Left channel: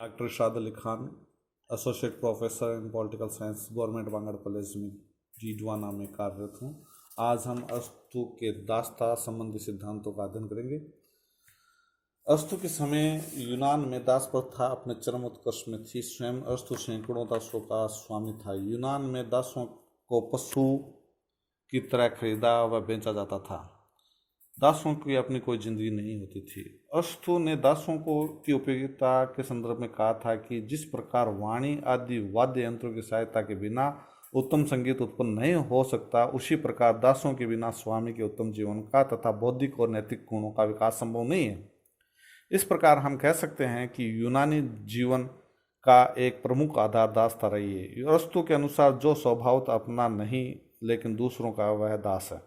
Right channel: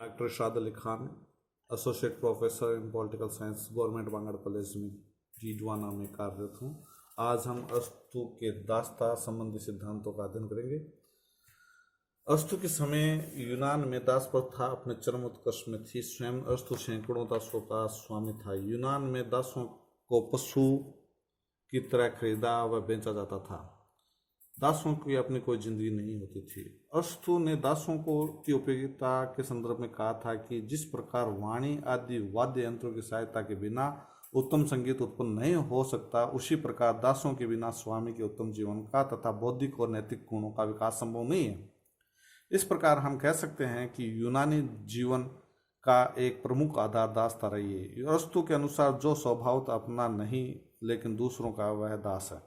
Doctor Irshad Ali Khan, associate professor in political science, government Bangur college में जीडवाना में कार्यरत हूँ। आज हम अस्तु के दास्ता संबंधी सिद्धांतों का अध्ययन करेंगे। अस्तु के समय यूनान में दास प्रथा अपने चरम उत्कर्ष में थी। स्वयं अस्तु सैकड़ों दासों का स्वामी था। यूनान में दासों को पशु की तरह खरीदा व बेचा जाता था। दासों की अपनी कोई जिंदगी नहीं होती थी। अस्तु ने दासों की उपयोगिता के संदर्भ में कहा था कि जिस प्रकार वाणी आदि वाद्य यंत्रों की सहायता के बिना उत्तम संगीत उत्पन्न नहीं हो सकता, उसी प्रकार दासों के बिना स्वामी के उत्तम जीवन का तथा बौद्धिक और नैतिक गुणों का विकास संभव नहीं है। इस प्रकार हम कह सकते हैं कि यूनानी जीवन का एक प्रमुख आधार दासता रही है। अरस्तु के अनुसार जो स्वभावतः अपना नहीं लेकिन दूसरों का, वह दास है।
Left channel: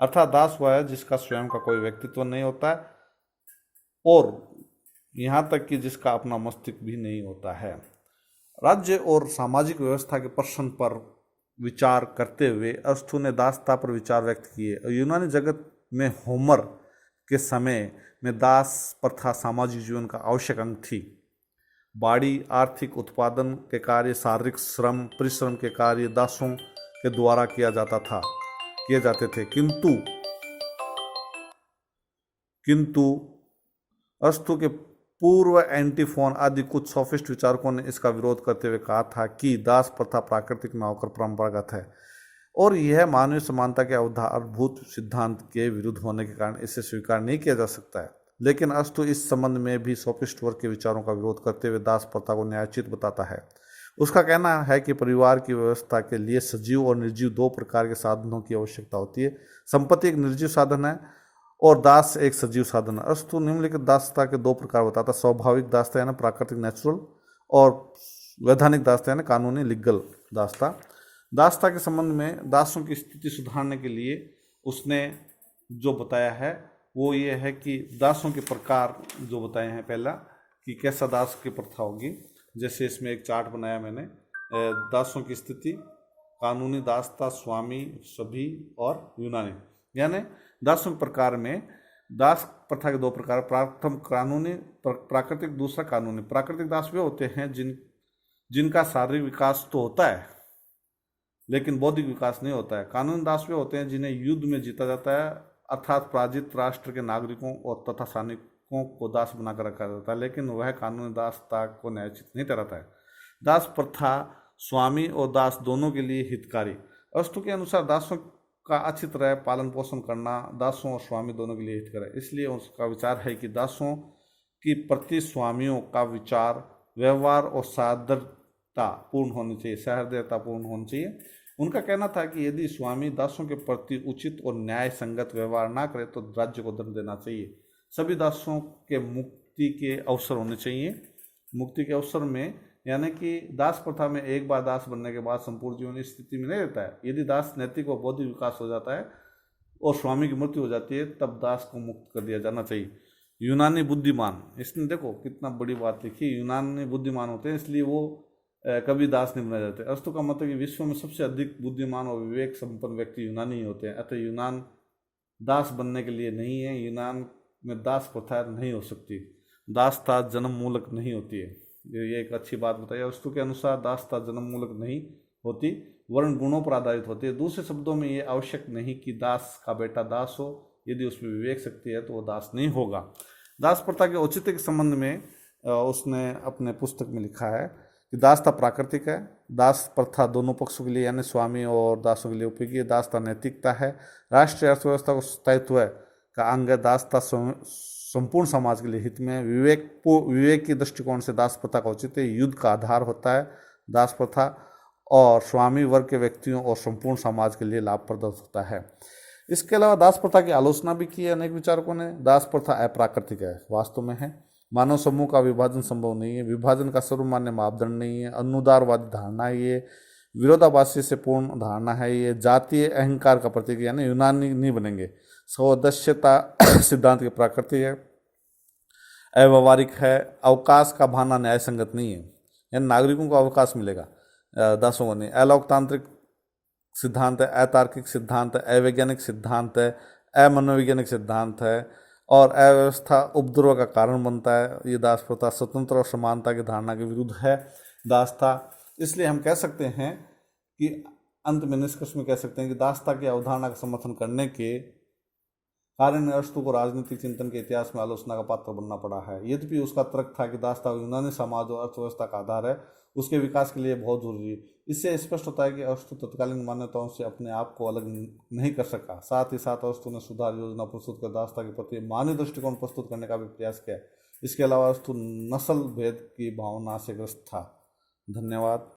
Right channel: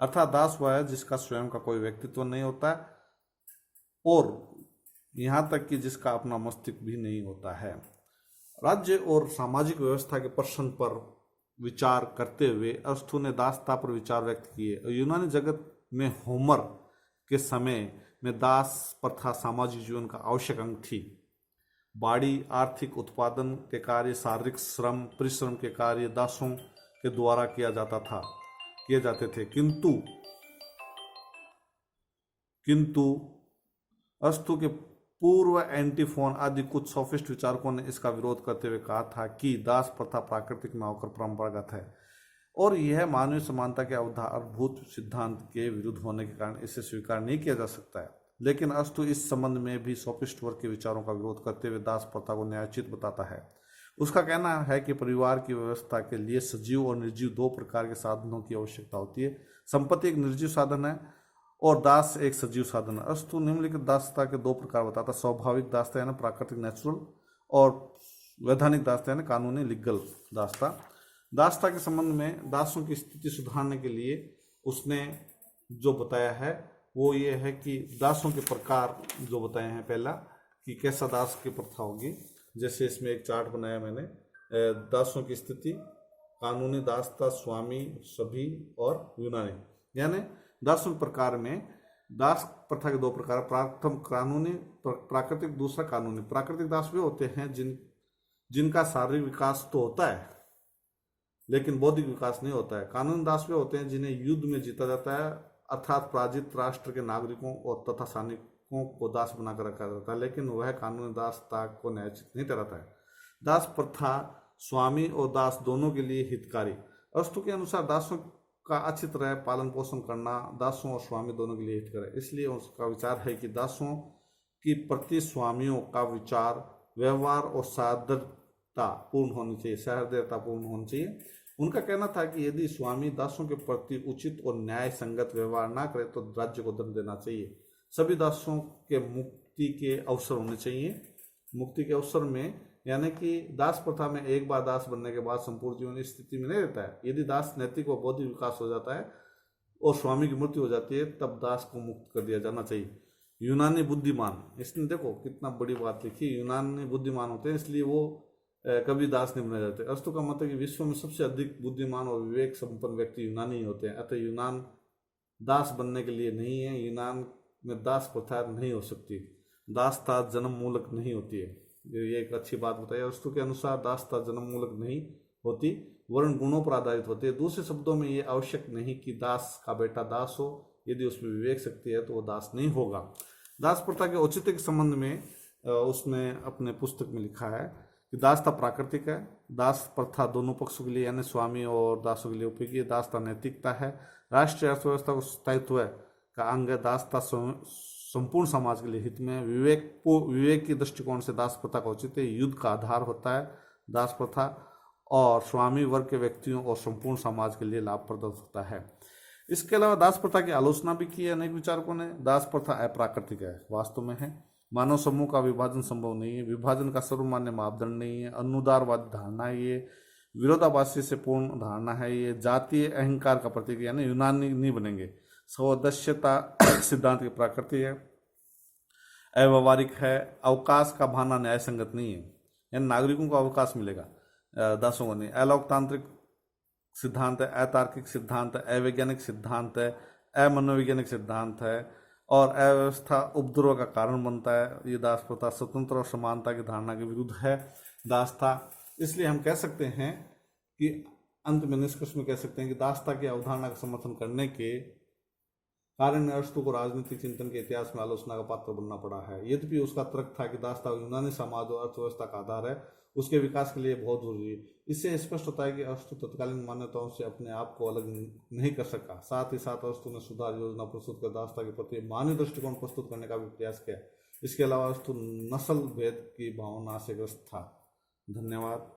अर्थात दास वह है जिसका स्वयं का कोई व्यक्तित्व नहीं होता है और यहाँ तक कि जिसका अपना मस्तिष्क भी नहीं होता है। राज्य और सामाजिक व्यवस्था के प्रश्न पर विचार करते हुए अरस्तु ने दासता पर विचार व्यक्त किए। यूनानी जगत में होमर के समय में दास प्रथा सामाजिक जीवन का आवश्यक अंग थी। बाड़ी आर्थिक उत्पादन के कार्य, शारीरिक श्रम, परिश्रम के कार्य दासों के द्वारा किए जाते थे। किंतु अरस्तु के पूर्व एंटीफोन आदि कुछ सोफिस्ट विचारकों ने इसका विरोध करते हुए कहा था कि दास प्रथा प्राकृतिक न होकर परंपरागत है और यह मानवीय समानता के आधारभूत सिद्धांत के विरुद्ध होने के कारण इसे स्वीकार नहीं किया जा सकता है। लेकिन अरस्तु इस संबंध में भी सोफिस्ट वर्ग के विचारों का विरोध करते हुए दास प्रथा को न्यायोचित बताता है। उसका कहना है कि परिवार की व्यवस्था के लिए सजीव और निर्जीव दो प्रकार के साधनों की आवश्यकता होती है। संपत्ति एक निर्जीव साधन है और दास एक सजीव साधन है। अरस्तु निम्नलिखित दासता के दो प्रकार बताता है। स्वाभाविक दासता यानी प्राकृतिक नेचुरल, और वैधानिक दासता यानी कानूनी लीगल दासता। दासता के संबंध में दासों की स्थिति सुधारने के लिए उसने जो बताया है वो ये है कि दासों के प्रकार जो बताए हैं, पहला कि कैसा दास की प्रथा होगी। जैसे इसमें एक चार्ट बनाया मैंने, दासों की स्थिति, कानूनी दासता, स्वामी, सभी और यूनानी। यानी दासों प्रकार में दास प्रथा के दो प्रकार, प्रथम कानूनी प्राकृतिक, दूसरा कानूनी। प्राकृतिक दास वे होते हैं जिनका शारीरिक विकास तो होता है लेकिन बौद्धिक विकास नहीं होता है। कानूनी दास वे होते हैं जिन्हें युद्ध में जीता जाता है, अर्थात पराजित राष्ट्र के नागरिकों और तथा सैनिकों को दास बनाकर रखा जाता है, लेकिन वह कानूनी दासता को न्यायोचित नहीं ठहराता है। दास प्रथा स्वामी और दास दोनों के लिए हितकारी। अरस्तु के अनुसार दासों का अच्छी तरह पालन पोषण करना दासों और स्वामी दोनों के लिए हितकर है। इसलिए उसका विचार है कि दासों की प्रति स्वामियों का विचार, व्यवहार और सहृदयतापूर्ण होनी चाहिए। उनका कहना था कि यदि स्वामी दासों के प्रति उचित और न्याय संगत व्यवहार ना करे तो राज्य को दंड देना चाहिए। सभी दासों के मुक्ति के अवसर होने चाहिए। मुक्ति के अवसर में यानी कि दास प्रथा में एक बार दास बनने के बाद संपूर्ण जीवन इस स्थिति में नहीं रहता है। यदि दास नैतिक और बौद्धिक विकास हो जाता है और स्वामी की मृत्यु हो जाती है, तब दास को मुक्त कर दिया जाना चाहिए। यूनानी बुद्धिमान, इसने देखो कितना बड़ी बात लिखी, यूनानी बुद्धिमान होते हैं इसलिए वो कभी दास नहीं बनाए जाते। अरस्तु का मतलब कि विश्व में सबसे अधिक बुद्धिमान और विवेक संपन्न व्यक्ति यूनानी ही होते हैं। अतः यूनान दास बनने के लिए नहीं है। यूनान में दास प्रथा नहीं हो सकती। दासता जन्म मूलक नहीं होती है। ये एक अच्छी बात बताई। अरस्तु के अनुसार दासता जन्म मूलक नहीं होती, वर्ण गुणों पर आधारित होती है। दूसरे शब्दों में ये आवश्यक नहीं कि दास का बेटा दास हो। यदि उसमें विवेक शक्ति है तो वो दास नहीं होगा। दास प्रथा के औचित्य के संबंध में उसने अपने पुस्तक में लिखा है कि दासता प्राकृतिक है। दास प्रथा दोनों पक्षों के लिए यानी स्वामी और दासों के लिए उपयोगी है। दासता नैतिकता है, राष्ट्रीय अर्थव्यवस्था को स्थायित्व का अंग है। दासता संपूर्ण समाज के लिए हित में। विवेक की दृष्टिकोण से दास प्रथा का औचित्य युद्ध का आधार होता है। दास प्रथा और स्वामी वर्ग के व्यक्तियों और संपूर्ण समाज के लिए लाभप्रद होता है। इसके अलावा दास प्रथा की आलोचना भी की है अनेक विचारकों ने। दास प्रथा अप्राकृतिक है, वास्तव में है। मानव समूह का विभाजन संभव नहीं है। विभाजन का सर्वमान्य मापदंड नहीं है। अनुदारवादी धारणा है ये, विरोधाभासी से पूर्ण धारणा है ये, जातीय अहंकार का प्रतीक यानी यूनानी नहीं बनेंगे। सदस्यता सिद्धांत की प्राकृतिक है, अव्यवहारिक है। अवकाश का भावना न्याय संगत नहीं है, यानी नागरिकों को अवकाश मिलेगा, दासों को नहीं। अलोकतांत्रिक सिद्धांत है, अतार्किक सिद्धांत है, अवैज्ञानिक सिद्धांत है, अमनोवैज्ञानिक सिद्धांत है और अव्यवस्था उपद्रव का कारण बनता है। ये दास प्रथा स्वतंत्र और समानता की धारणा के विरुद्ध है। दास था, इसलिए हम कह सकते हैं कि अंत में निष्कर्ष में कह सकते हैं कि दासता की अवधारणा का समर्थन करने के कारण अरस्तु को राजनीतिक चिंतन के इतिहास में आलोचना का पात्र बनना पड़ा है। यद्यपि उसका तर्क था कि दासता यूनानी समाज और अर्थव्यवस्था का आधार है, उसके विकास के लिए बहुत जरूरी है। इससे स्पष्ट होता है कि अरस्तु तत्कालीन मान्यताओं से अपने आप को अलग नहीं कर सका। साथ ही साथ अरस्तु ने सुधार योजना प्रस्तुत कर दासता के प्रति मानवीय दृष्टिकोण प्रस्तुत करने का भी प्रयास किया। इसके अलावा अरस्तु नस्ल भेद की भावना से ग्रस्त था। धन्यवाद।